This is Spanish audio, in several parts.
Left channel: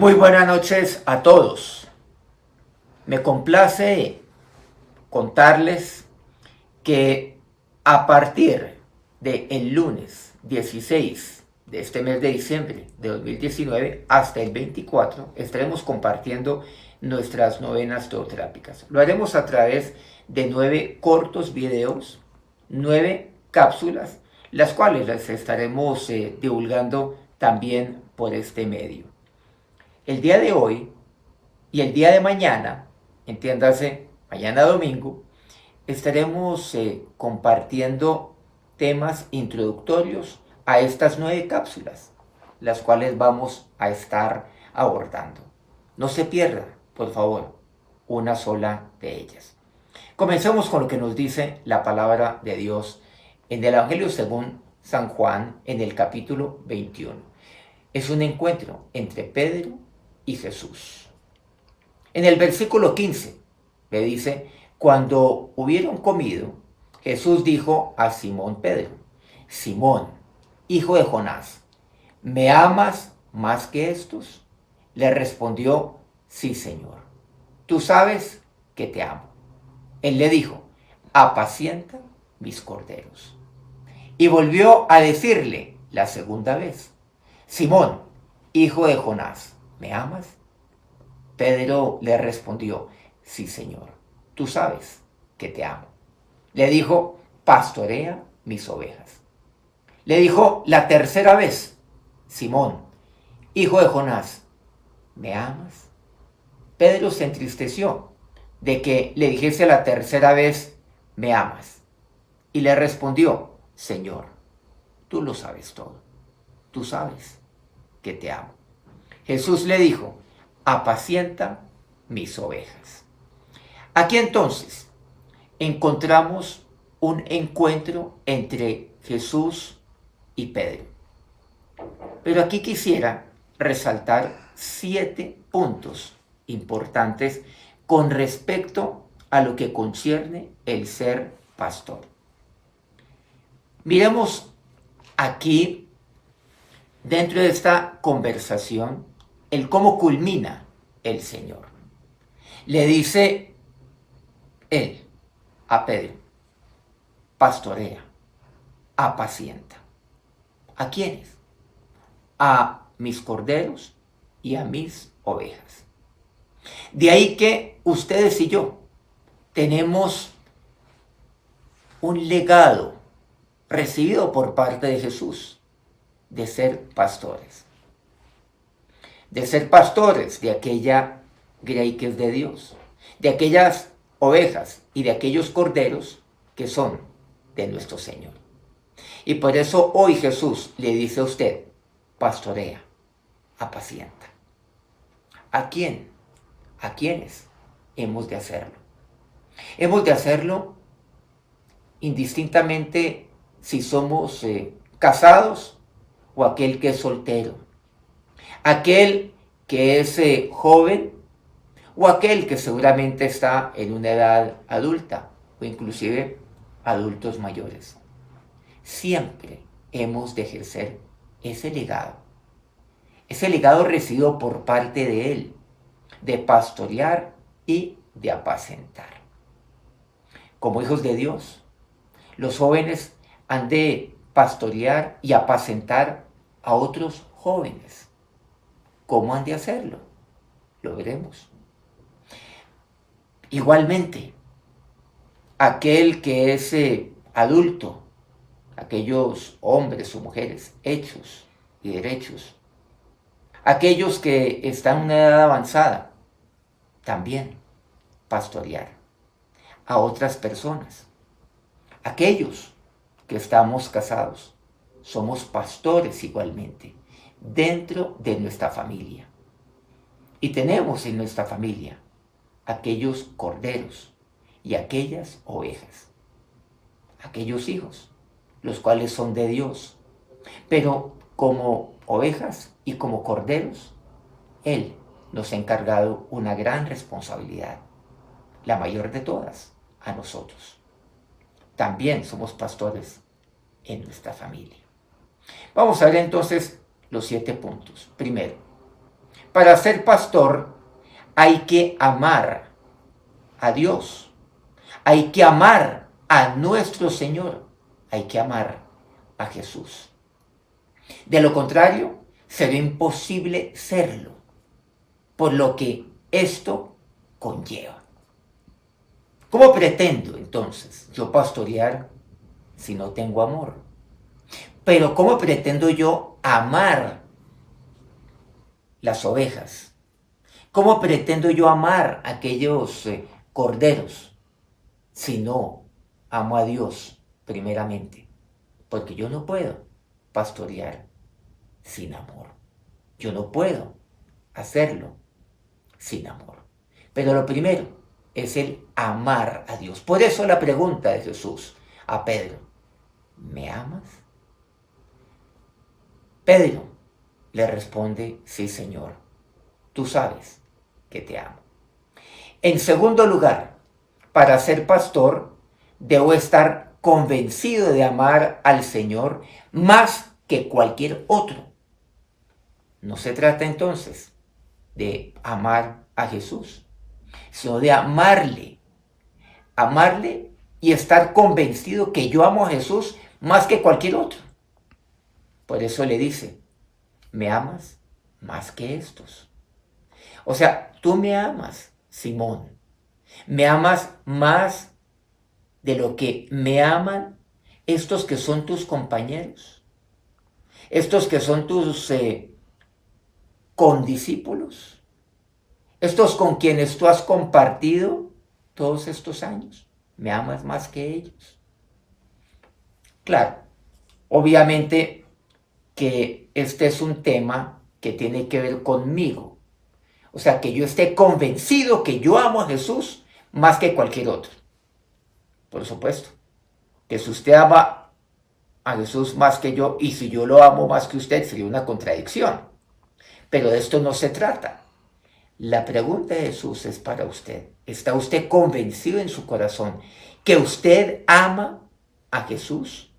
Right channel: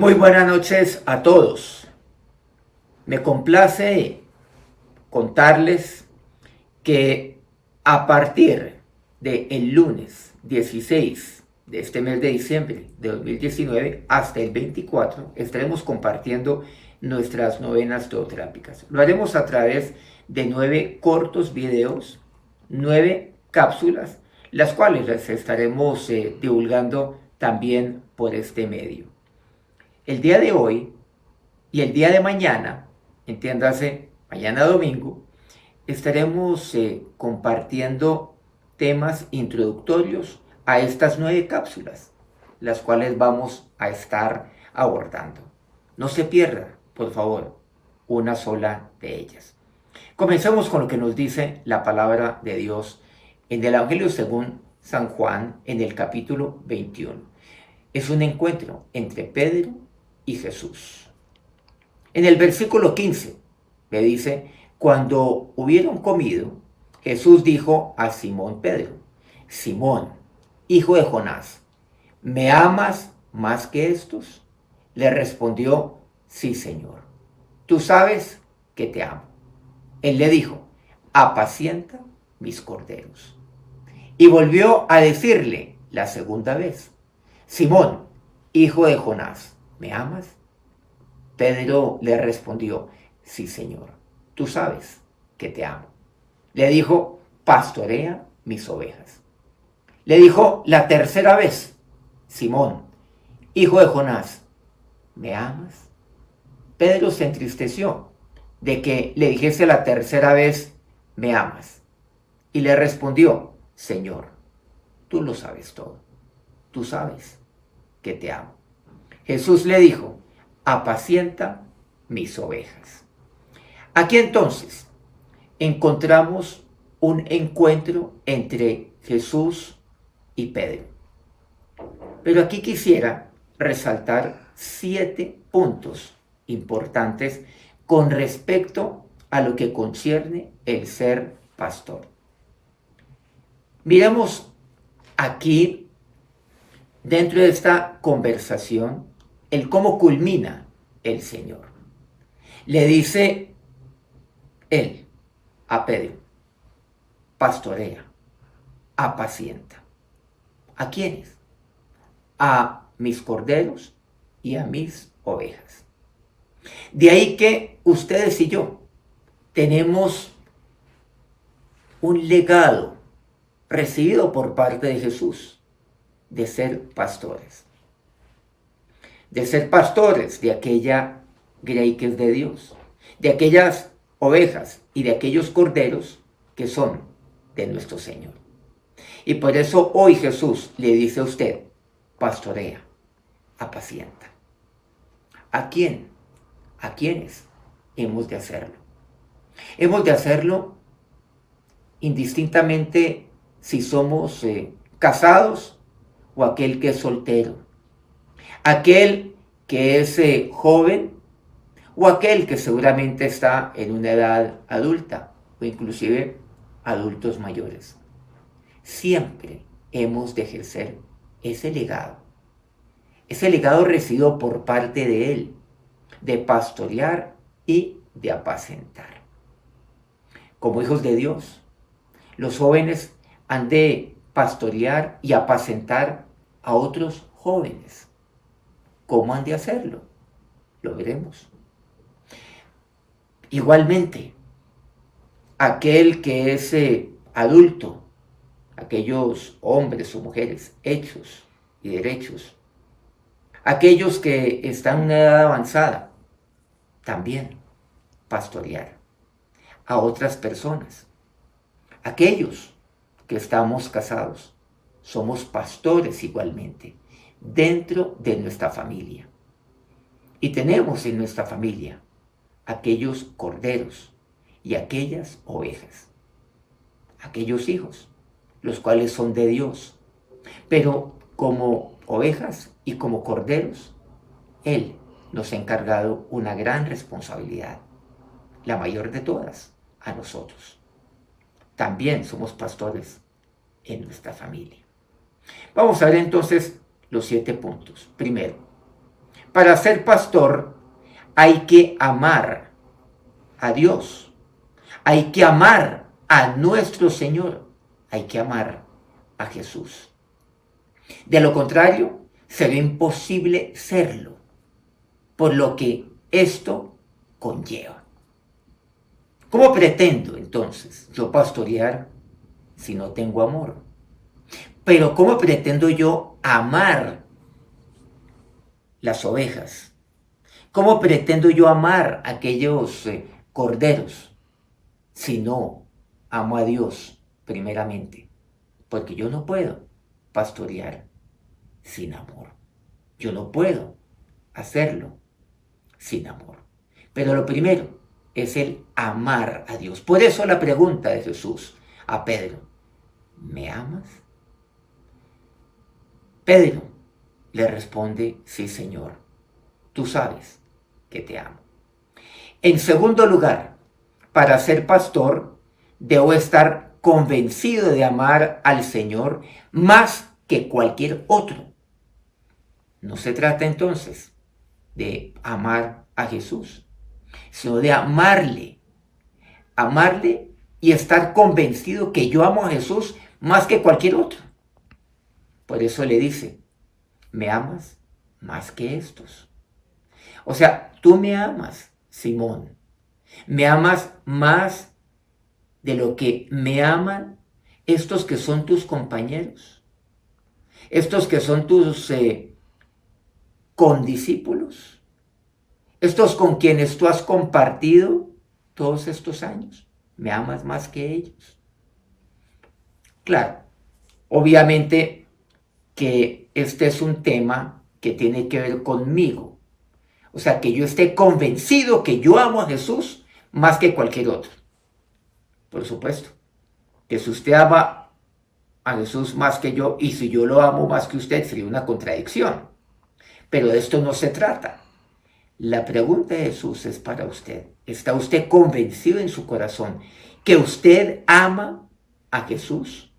Muy buenas noches a todos. Me complace contarles que a partir del lunes 16 de este mes de diciembre de 2019 hasta el 24 estaremos compartiendo nuestras novenas teotrápicas. Lo haremos a través de 9 cortos videos, 9 cápsulas, las cuales las estaremos divulgando también por este medio. El día de hoy y el día de mañana, entiéndase, mañana domingo, estaremos compartiendo temas introductorios a estas 9 cápsulas, las cuales vamos a estar abordando. No se pierda, por favor, una sola de ellas. Comencemos con lo que nos dice la palabra de Dios en el Evangelio según San Juan, en el capítulo 21. Es un encuentro entre Pedro y Jesús. En el versículo 15 me dice: cuando hubieron comido, Jesús dijo a Simón Pedro: Simón, hijo de Jonás, ¿me amas más que estos? Le respondió: sí, Señor, tú sabes que te amo. Él le dijo: apacienta mis corderos. Y volvió a decirle la segunda vez: Simón, hijo de Jonás, ¿me amas? Pedro le respondió: sí, Señor, tú sabes que te amo. Le dijo: pastorea mis ovejas. Le dijo la tercera vez: Simón, hijo de Jonás, ¿me amas? Pedro se entristeció de que le dijese la tercera vez: ¿me amas? Y le respondió: Señor, tú lo sabes todo. Tú sabes que te amo. Jesús le dijo: apacienta mis ovejas. Aquí entonces encontramos un encuentro entre Jesús y Pedro. Pero aquí quisiera resaltar 7 puntos importantes con respecto a lo que concierne el ser pastor. Miremos aquí, dentro de esta conversación, el cómo culmina el Señor. Le dice él a Pedro: pastorea, apacienta. ¿A quiénes? A mis corderos y a mis ovejas. De ahí que ustedes y yo tenemos un legado recibido por parte de Jesús de ser pastores. De ser pastores de aquella grey que es de Dios, de aquellas ovejas y de aquellos corderos que son de nuestro Señor. Y por eso hoy Jesús le dice a usted: pastorea, apacienta. ¿A quién? ¿A quiénes hemos de hacerlo? Hemos de hacerlo indistintamente si somos casados o aquel que es soltero, aquel que es joven o aquel que seguramente está en una edad adulta o inclusive adultos mayores. Siempre hemos de ejercer ese legado recibido por parte de Él, de pastorear y de apacentar. Como hijos de Dios, los jóvenes han de pastorear y apacentar a otros jóvenes. ¿Cómo han de hacerlo? Lo veremos. Igualmente, aquel que es adulto, aquellos hombres o mujeres hechos y derechos, aquellos que están en una edad avanzada, también pastorear a otras personas. Aquellos que estamos casados, somos pastores igualmente dentro de nuestra familia. Y tenemos en nuestra familia aquellos corderos y aquellas ovejas, aquellos hijos, los cuales son de Dios. Pero como ovejas y como corderos, Él nos ha encargado una gran responsabilidad, la mayor de todas, a nosotros. También somos pastores en nuestra familia. Vamos a ver entonces los 7 puntos. Primero, Para ser pastor hay que amar a Dios, hay que amar a nuestro Señor, hay que amar a Jesús. De lo contrario, será imposible serlo, por lo que esto conlleva. ¿Cómo pretendo entonces yo pastorear si no tengo amor? Pero ¿cómo pretendo yo amar las ovejas? ¿Cómo pretendo yo amar a aquellos corderos si no amo a Dios primeramente? Porque yo no puedo pastorear sin amor. Yo no puedo hacerlo sin amor. Pero lo primero es el amar a Dios. Por eso la pregunta de Jesús a Pedro: ¿me amas? Pedro le responde: sí, Señor, tú sabes que te amo. En segundo lugar, para ser pastor, debo estar convencido de amar al Señor más que cualquier otro. No se trata entonces de amar a Jesús, sino de amarle y estar convencido que yo amo a Jesús más que cualquier otro. Por eso le dice: ¿me amas más que estos? O sea, tú me amas, Simón. Me amas más de lo que me aman estos que son tus compañeros, estos que son tus condiscípulos, estos con quienes tú has compartido todos estos años. ¿Me amas más que ellos? Claro, obviamente que este es un tema que tiene que ver conmigo. O sea, que yo esté convencido que yo amo a Jesús más que cualquier otro. Por supuesto, que si usted ama a Jesús más que yo y si yo lo amo más que usted, sería una contradicción. Pero de esto no se trata. La pregunta de Jesús es para usted. ¿Está usted convencido en su corazón que usted ama a Jesús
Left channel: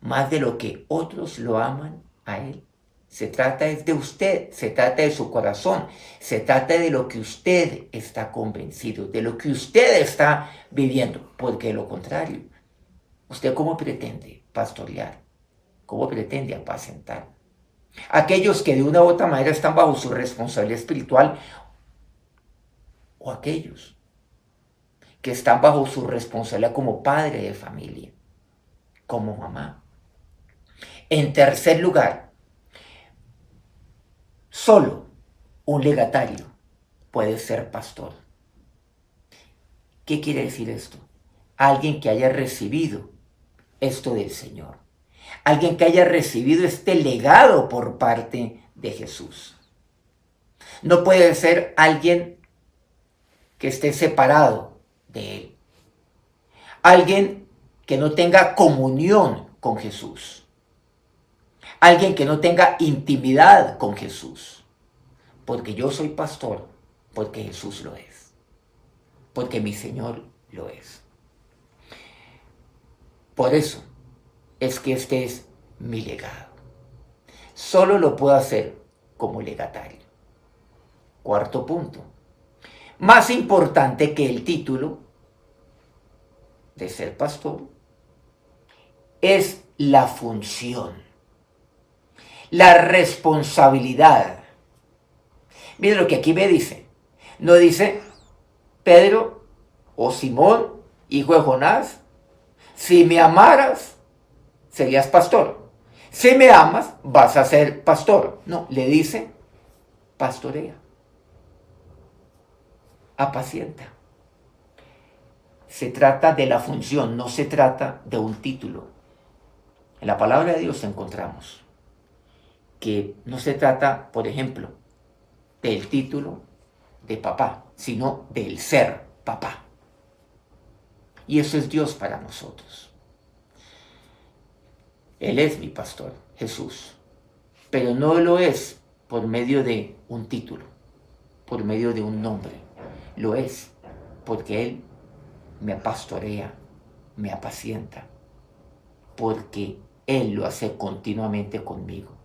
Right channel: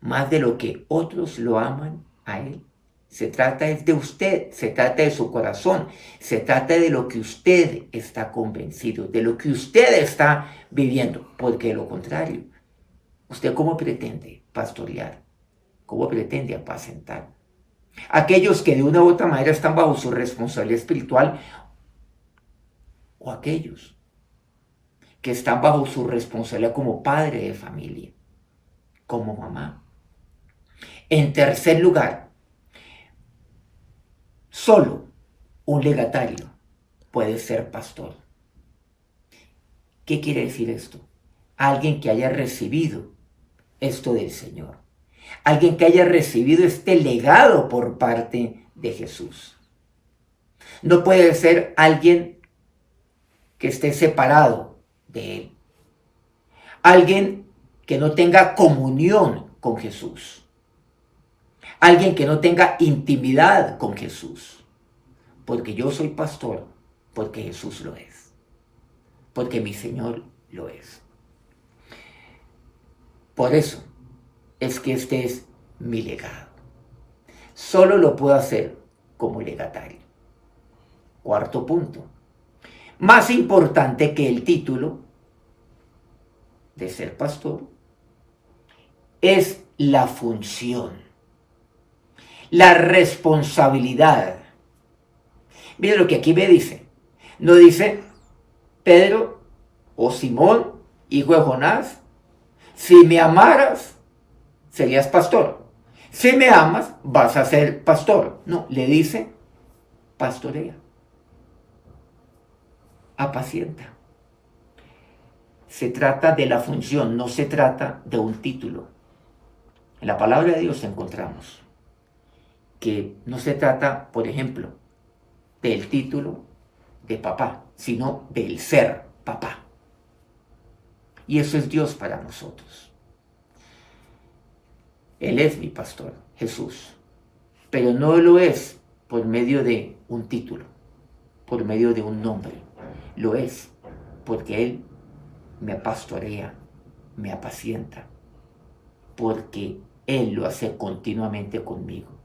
más de lo que otros lo aman a Él? Se trata de usted, se trata de su corazón, se trata de lo que usted está convencido, de lo que usted está viviendo, porque de lo contrario, ¿usted cómo pretende pastorear? ¿Cómo pretende apacentar? Aquellos que de una u otra manera están bajo su responsabilidad espiritual, o aquellos que están bajo su responsabilidad como padre de familia, como mamá. En tercer lugar, solo un legatario puede ser pastor. ¿Qué quiere decir esto? Alguien que haya recibido esto del Señor. Alguien que haya recibido este legado por parte de Jesús. No puede ser alguien que esté separado de Él. Alguien que no tenga comunión con Jesús. Alguien que no tenga intimidad con Jesús. Porque yo soy pastor, porque Jesús lo es. Porque mi Señor lo es. Por eso es que este es mi legado. Solo lo puedo hacer como legatario. Cuarto punto. Más importante que el título de ser pastor es la función, la responsabilidad. Mire lo que aquí me dice. No dice: Pedro o Simón, hijo de Jonás, si me amaras, serías pastor. Si me amas, vas a ser pastor. No, le dice: pastorea, apacienta. Se trata de la función, no se trata de un título. En la palabra de Dios encontramos que no se trata, por ejemplo, del título de papá, sino del ser papá. Y eso es Dios para nosotros. Él es mi pastor, Jesús. Pero no lo es por medio de un título, por medio de un nombre. Lo es porque Él me pastorea, me apacienta, porque Él lo hace continuamente conmigo.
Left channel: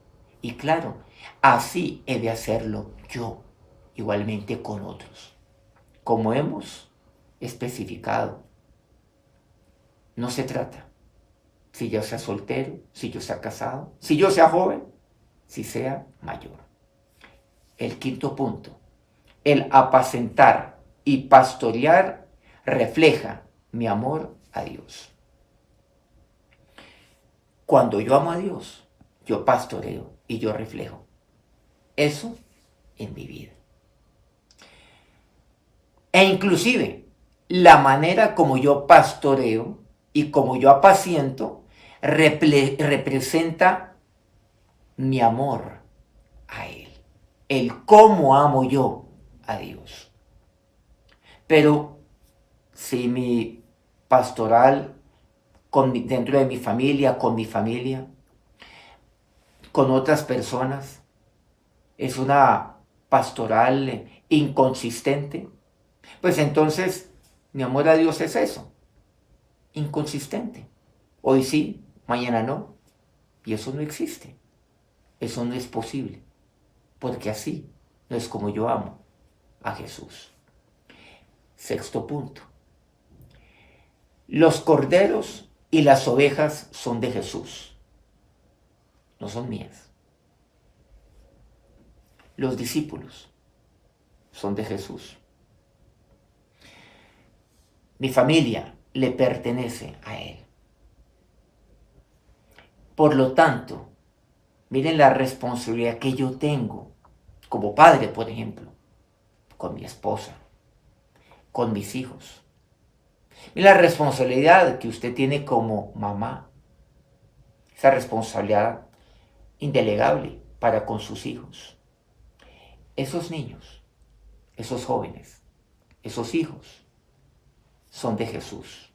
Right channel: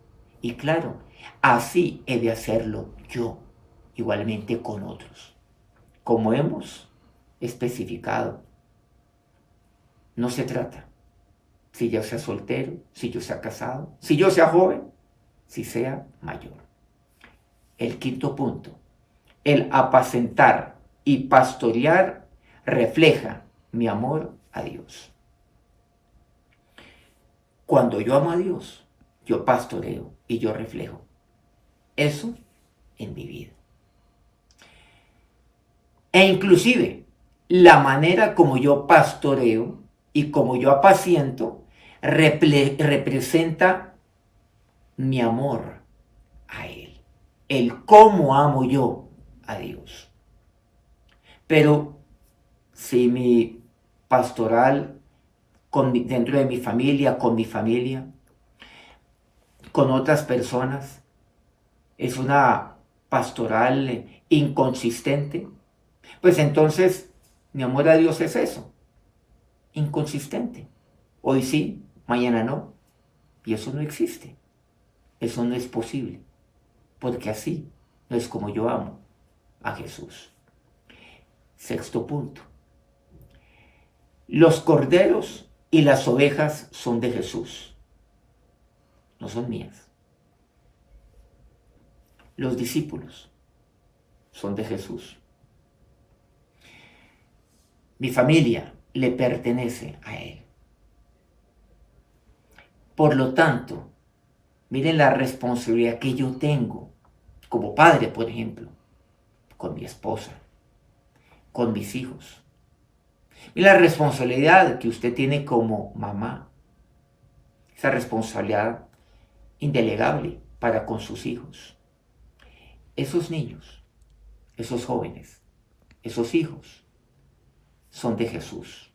Y claro, así he de hacerlo yo igualmente con otros. Como hemos especificado, no se trata si yo sea soltero, si yo sea casado, si yo sea joven, si sea mayor. El quinto punto, el apacentar y pastorear refleja mi amor a Dios. Cuando yo amo a Dios, yo pastoreo y yo reflejo eso en mi vida. E inclusive, la manera como yo pastoreo y como yo apaciento representa mi amor a Él. El cómo amo yo a Dios. Pero si mi pastoral dentro de mi familia, con mi familia, con otras personas, es una pastoral inconsistente, pues entonces mi amor a Dios es eso, inconsistente. Hoy sí, mañana no. Y eso no existe. Eso no es posible. Porque así no es como yo amo a Jesús. Sexto punto. Los corderos y las ovejas son de Jesús. No son mías. Los discípulos son de Jesús. Mi familia le pertenece a Él. Por lo tanto, miren la responsabilidad que yo tengo como padre, por ejemplo, con mi esposa, con mis hijos. Miren la responsabilidad que usted tiene como mamá. Esa responsabilidad indelegable para con sus hijos. Esos niños, esos jóvenes, esos hijos son de Jesús.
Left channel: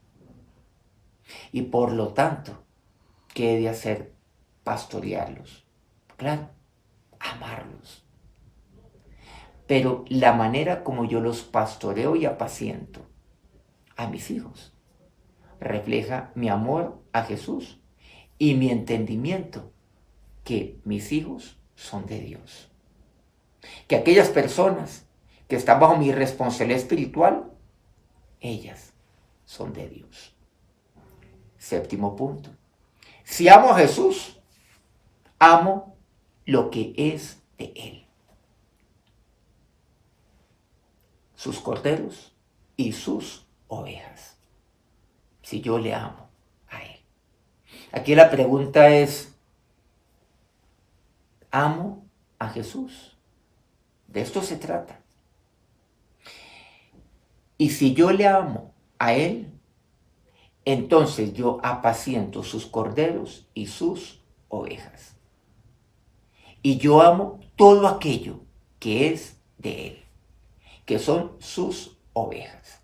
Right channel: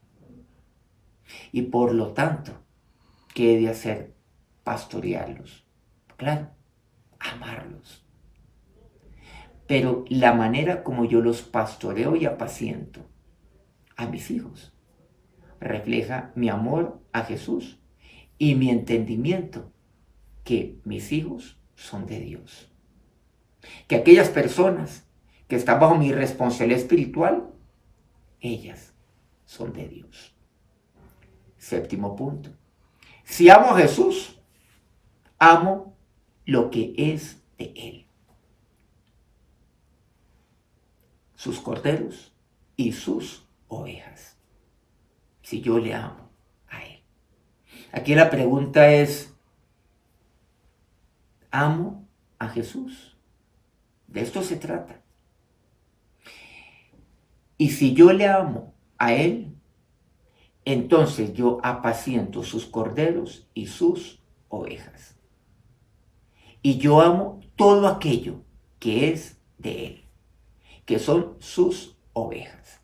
Y por lo tanto, ¿qué he de hacer? Pastorearlos. Claro, amarlos. Pero la manera como yo los pastoreo y apaciento a mis hijos refleja mi amor a Jesús y mi entendimiento que mis hijos son de Dios. Que aquellas personas que están bajo mi responsabilidad espiritual, ellas son de Dios. Séptimo punto. Si amo a Jesús, amo lo que es de Él. Sus corderos y sus ovejas. Si yo le amo a Él. Aquí la pregunta es, ¿amo a Jesús? De esto se trata. Y si yo le amo a Él, entonces yo apaciento sus corderos y sus ovejas. Y yo amo todo aquello que es de Él, que son sus ovejas.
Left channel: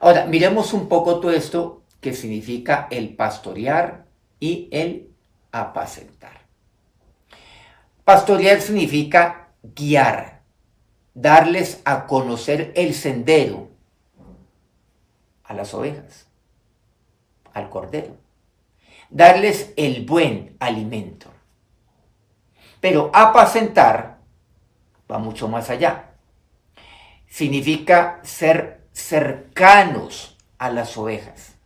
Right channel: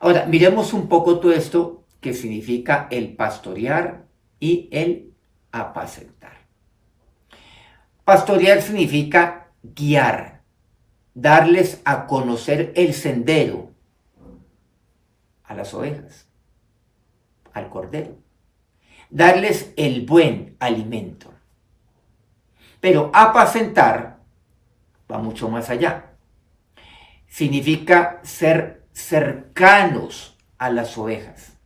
Ahora, miremos un poco todo esto que significa el pastorear y el apacentar. Pastorear significa guiar, darles a conocer el sendero a las ovejas, al cordero, darles el buen alimento. Pero apacentar va mucho más allá. Significa ser cercanos a las ovejas,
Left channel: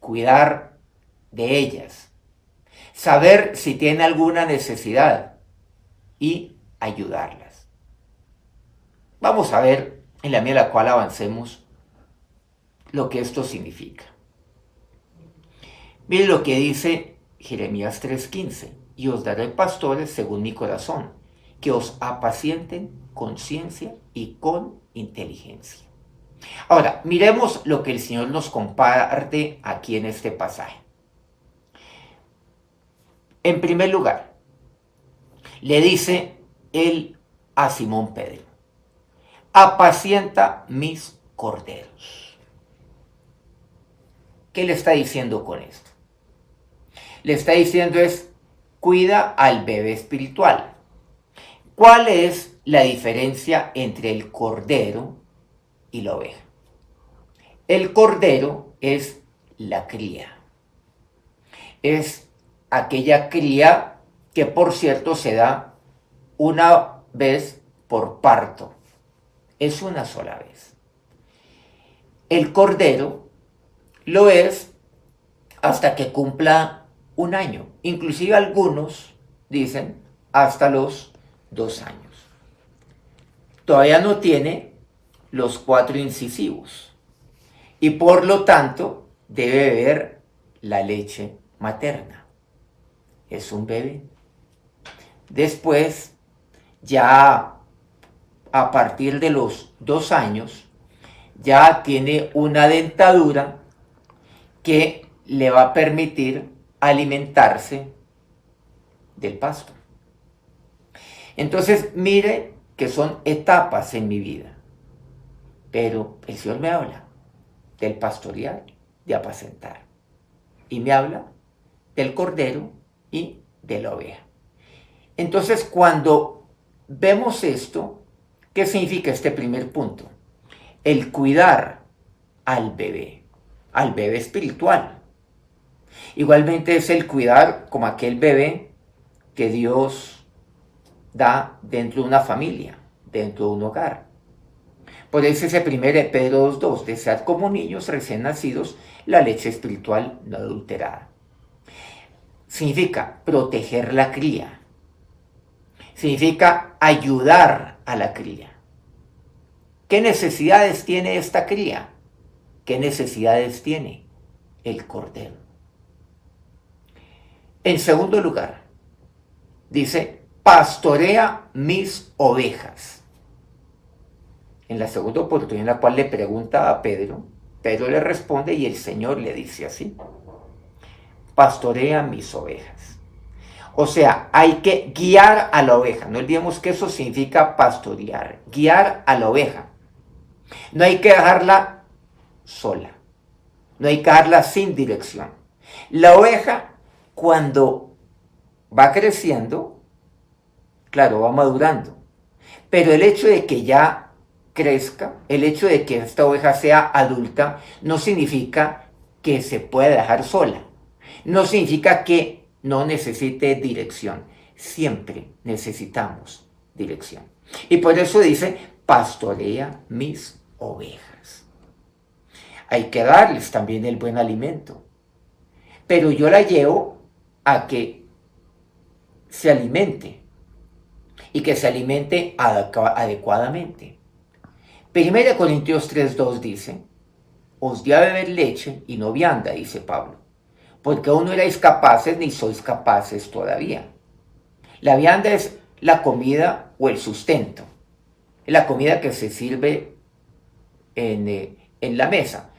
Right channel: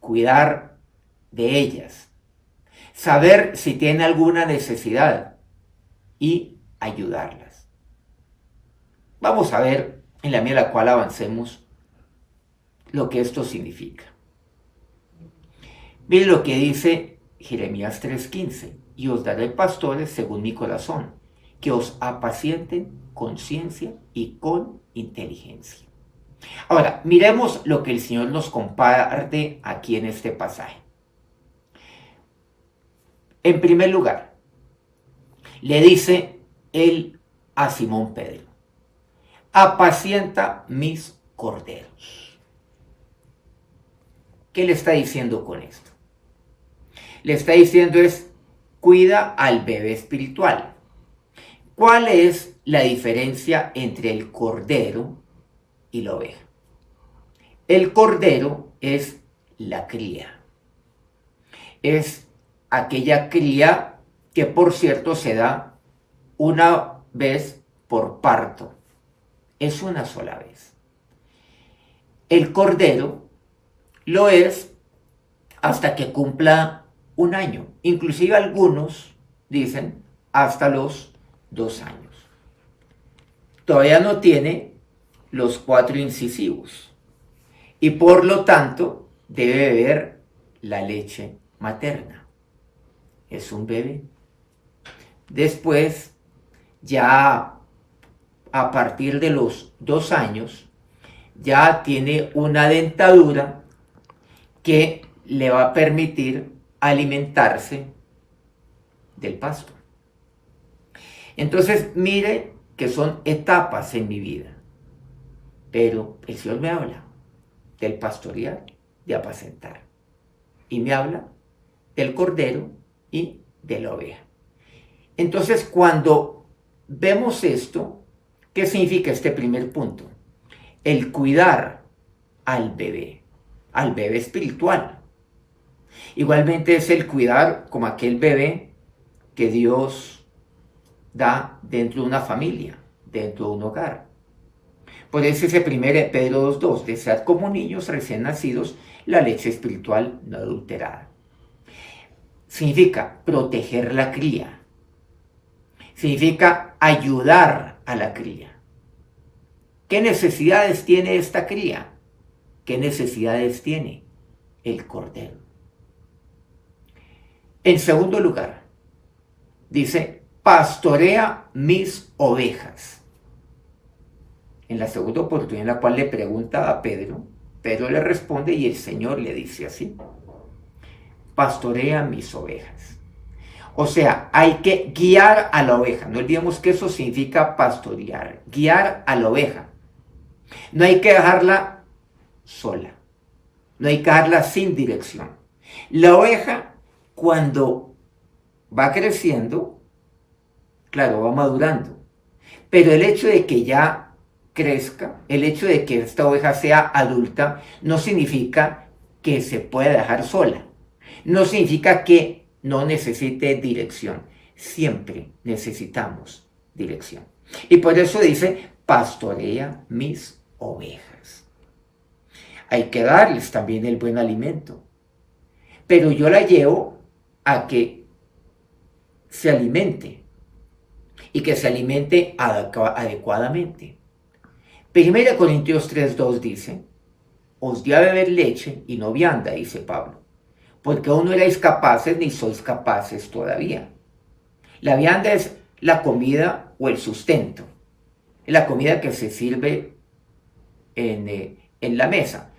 cuidar de ellas, saber si tienen alguna necesidad y ayudarlas. Vamos a ver, en la medida en la cual avancemos, lo que esto significa. Miren lo que dice Jeremías 3:15. Y os daré pastores según mi corazón, que os apacienten con ciencia y con inteligencia. Ahora, miremos lo que el Señor nos comparte aquí en este pasaje. En primer lugar, le dice él a Simón Pedro, apacienta mis corderos. ¿Qué le está diciendo con esto? Le está diciendo es, cuida al bebé espiritual. ¿Cuál es la diferencia entre el cordero y la oveja? El cordero es la cría. Es aquella cría que, por cierto, se da una vez por parto. Es una sola vez. El cordero lo es hasta que cumpla un año. Inclusive algunos dicen hasta los 2 años. Todavía no tiene los 4 incisivos y por lo tanto debe beber la leche materna. Es un bebé. Después, ya a partir de los 2 años, ya tiene una dentadura que le va a permitir alimentarse del pasto. Entonces, mire que son etapas en mi vida, pero el Señor me habla del pastorear, de apacentar, y me habla del cordero y de la oveja. Entonces, cuando vemos esto, ¿qué significa este primer punto? El cuidar al bebé espiritual. Igualmente es el cuidar como aquel bebé que Dios da dentro de una familia, dentro de un hogar. Por eso ese 1 Pedro 2:2, desead como niños recién nacidos la leche espiritual no adulterada. Significa proteger la cría. Significa ayudar a la cría. ¿Qué necesidades tiene esta cría? ¿Qué necesidades tiene el cordero? En segundo lugar, dice, pastorea mis ovejas. En la segunda oportunidad en la cual le pregunta a Pedro, Pedro le responde y el Señor le dice así, pastorea mis ovejas. O sea, hay que guiar a la oveja. No olvidemos que eso significa pastorear, guiar a la oveja. No hay que dejarla sola, no hay que dejarla sin dirección. La oveja, cuando va creciendo, claro, va madurando, pero el hecho de que ya crezca, el hecho de que esta oveja sea adulta, no significa que se pueda dejar sola, no significa que no necesite dirección. Siempre necesitamos dirección. Y por eso dice, pastorea mis ovejas. Hay que darles también el buen alimento. Pero yo la llevo a que se alimente. Y que se alimente adecuadamente. 1 Corintios 3:2 dice, os di a beber leche y no vianda, dice Pablo, porque aún no erais capaces ni sois capaces todavía. La vianda es la comida o el sustento, es la comida que se sirve en la mesa.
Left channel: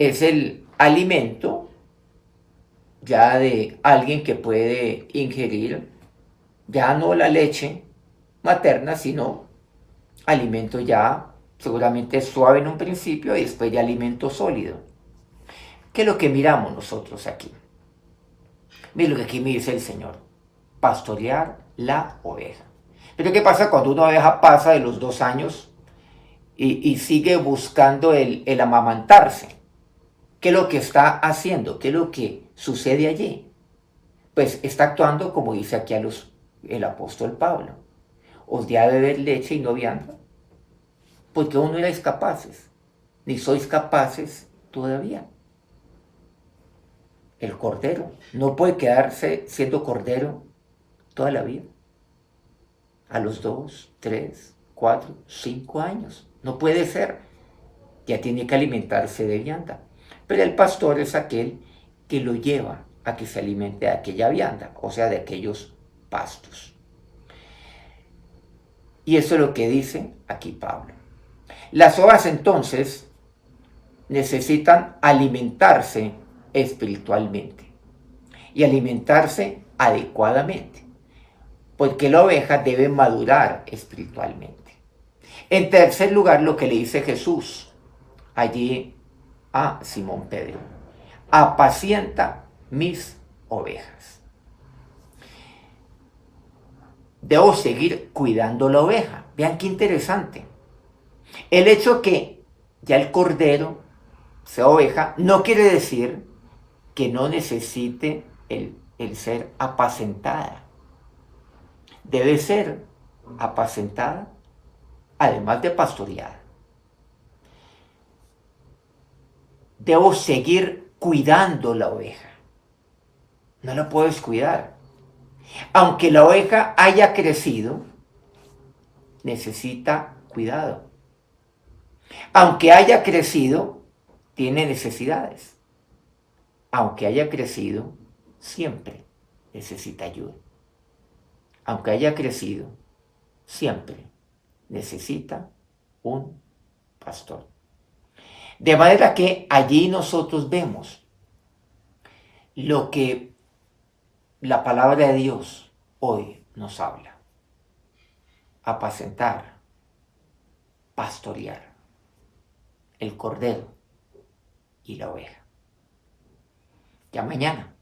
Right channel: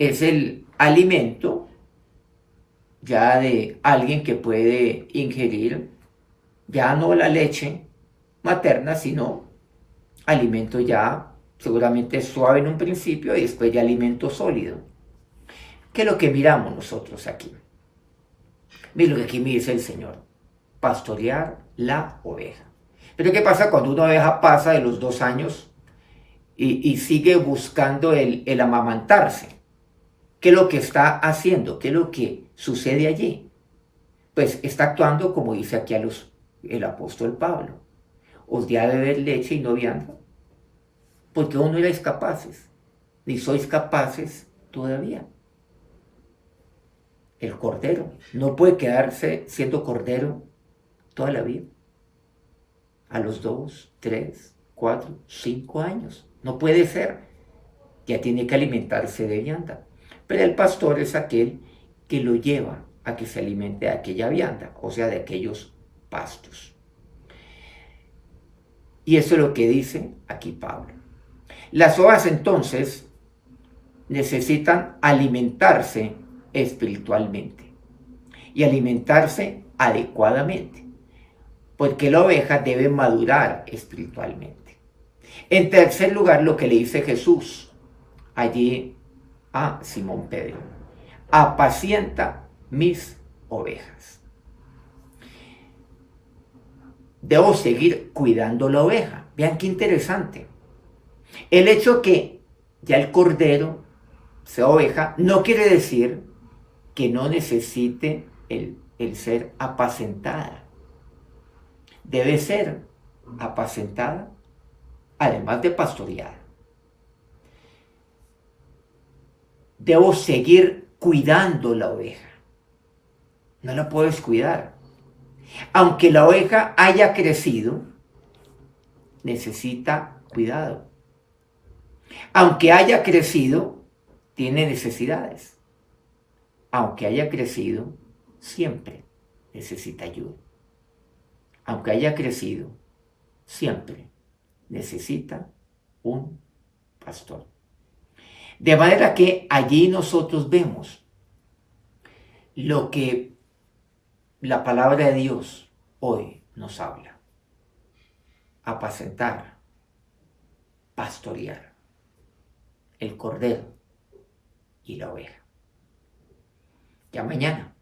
Es el alimento ya de alguien que puede ingerir ya no la leche materna, sino alimento ya seguramente suave en un principio y después de alimento sólido. ¿Qué es lo que miramos nosotros aquí? Mira lo que aquí me dice el Señor, pastorear la oveja. Pero ¿qué pasa cuando una oveja pasa de los 2 años y sigue buscando el amamantarse? ¿Qué es lo que está haciendo? ¿Qué es lo que sucede allí? Pues está actuando como dice aquí el apóstol Pablo. Os di a beber leche y no vianda, porque aún no erais capaces, ni sois capaces todavía. El cordero no puede quedarse siendo cordero toda la vida. A los 2, 3, 4, 5 años. No puede ser. Ya tiene que alimentarse de vianda. Pero el pastor es aquel que lo lleva a que se alimente de aquella vianda, o sea, de aquellos pastos. Y eso es lo que dice aquí Pablo. Las ovejas entonces necesitan alimentarse espiritualmente y alimentarse adecuadamente, porque la oveja debe madurar espiritualmente. En tercer lugar, lo que le dice Jesús allí a Simón Pedro, apacienta mis ovejas. Debo seguir cuidando la oveja. Vean qué interesante. El hecho que ya el cordero sea oveja no quiere decir que no necesite el ser apacentada. Debe ser apacentada, además de pastoreada. Debo seguir cuidando la oveja. No la puedes cuidar. Aunque la oveja haya crecido, necesita cuidado. Aunque haya crecido, tiene necesidades. Aunque haya crecido, siempre necesita ayuda. Aunque haya crecido, siempre necesita un pastor. De manera que allí nosotros vemos lo que la palabra de Dios hoy nos habla. Apacentar, pastorear el cordero y la oveja. Ya mañana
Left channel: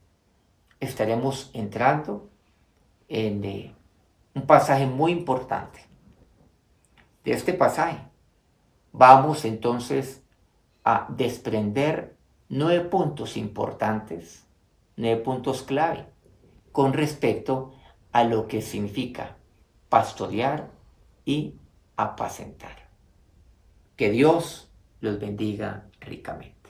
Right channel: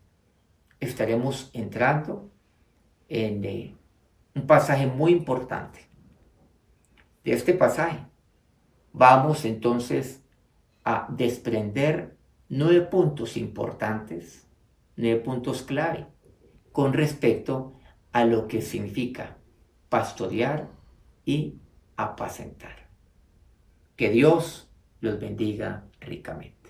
estaremos entrando en un pasaje muy importante. De este pasaje vamos entonces a desprender 9 puntos importantes, 9 puntos clave con respecto a lo que significa pastorear y apacentar. Que Dios los bendiga ricamente.